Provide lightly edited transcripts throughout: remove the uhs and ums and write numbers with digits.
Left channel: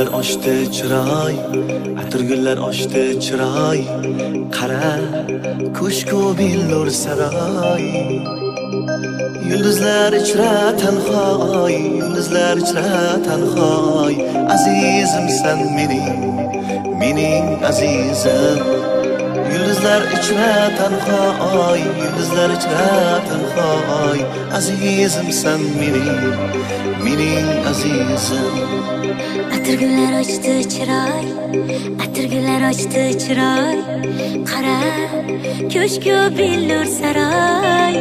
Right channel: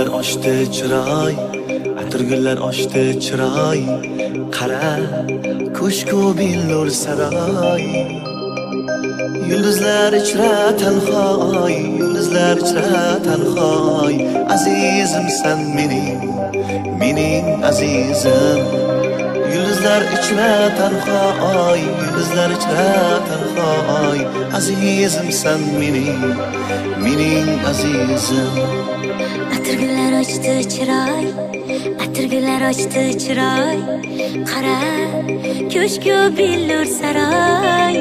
Atirgullar ochdi chiroy, atirgullar ochdi chiroy, qara ko'shku billur saroy. Yulduzlar ichra tanhoy, yulduzlar ichra tanhoy, azizimsan mening azizim. Yulduzlar ichra tanhoy, yulduzlar ichra tanhoy, azizimsan mening azizim. Atirgullar ochdi chiroy, atirgullar ochdi chiroy, qara ko'shku billur saroy.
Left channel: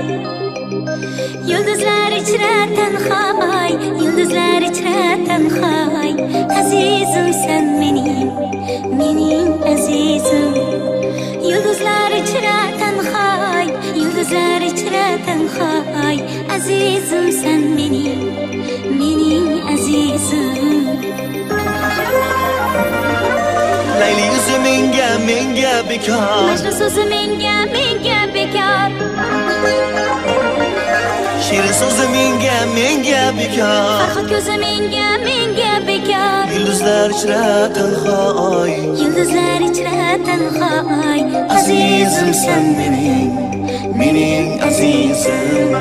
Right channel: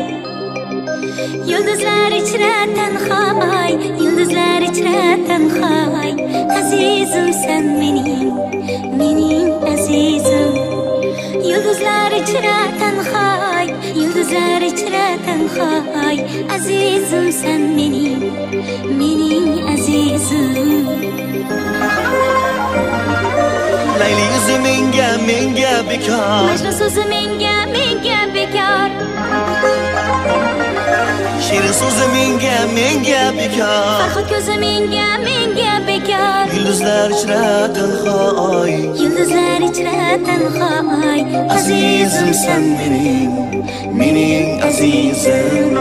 Yulduzlar ichra tanhoy, yulduzlar ichra tanhoy, azizimsan mening azizim. Yulduzlar ichra tanhoy, yulduzlar ichra tanhoy, azizimsan mening azizim. Layli yuzi menga bekor, Majnun so'zi menga bekor. Shirin so'zi menga bekor, Farhod ko'zi menga bekor. Yulduzlar ichra tanhoy, Yulduzlar ichra tanhoy, azizimsan mening azizim.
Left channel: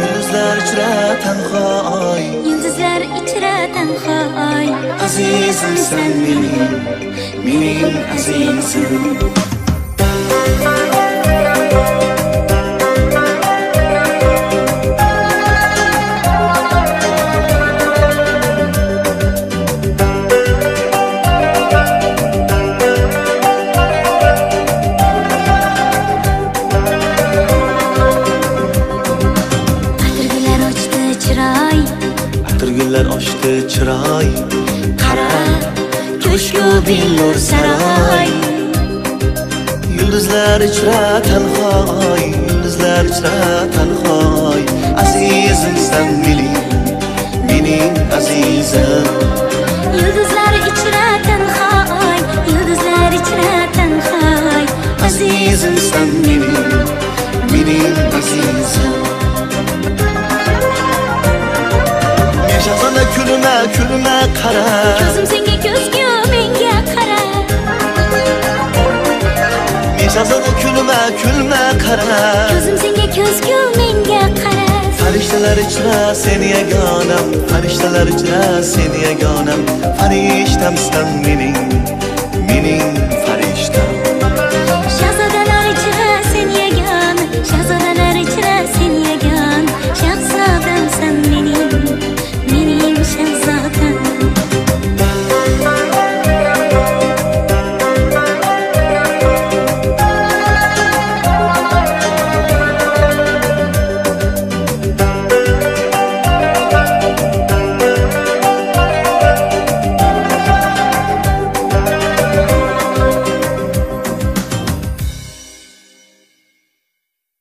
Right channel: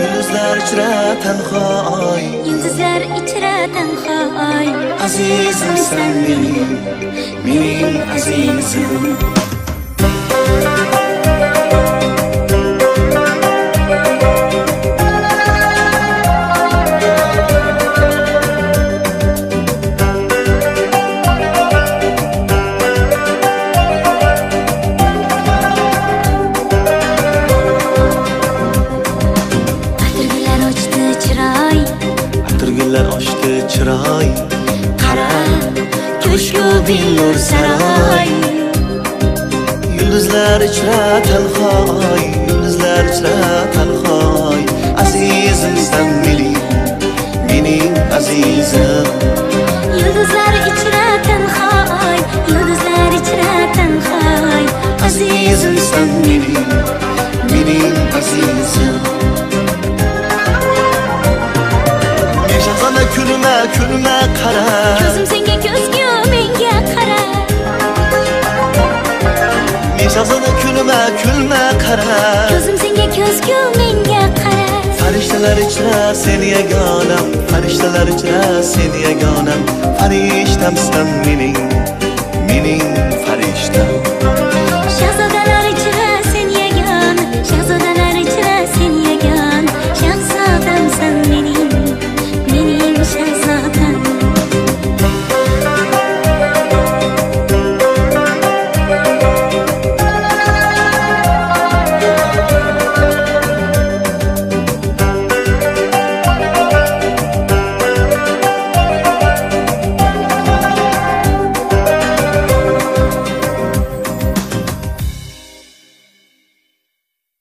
Yulduzlar ichra tanhoy, yulduzlar ichra tanhoy, azizimsan mening azizim. Atirgullar ochdi chiroy, qara ko'shku billur saroy. Yulduzlar ichra tanhoy, yulduzlar ichra tanhoy, azizimsan mening azizim. Yulduzlar ichra tanhoy, yulduzlar ichra tanhoy, Azizimsan mening azizim. Shahzona kulma qara, ko'zim senga ko'zgu menga qara. Shahzona kulma qara, Ko'zim senga ko'zgu menga qara. Farishtalar ichra seni yagonam, farishtalar ichra seni yagonam, farishtamsan mening farishtam.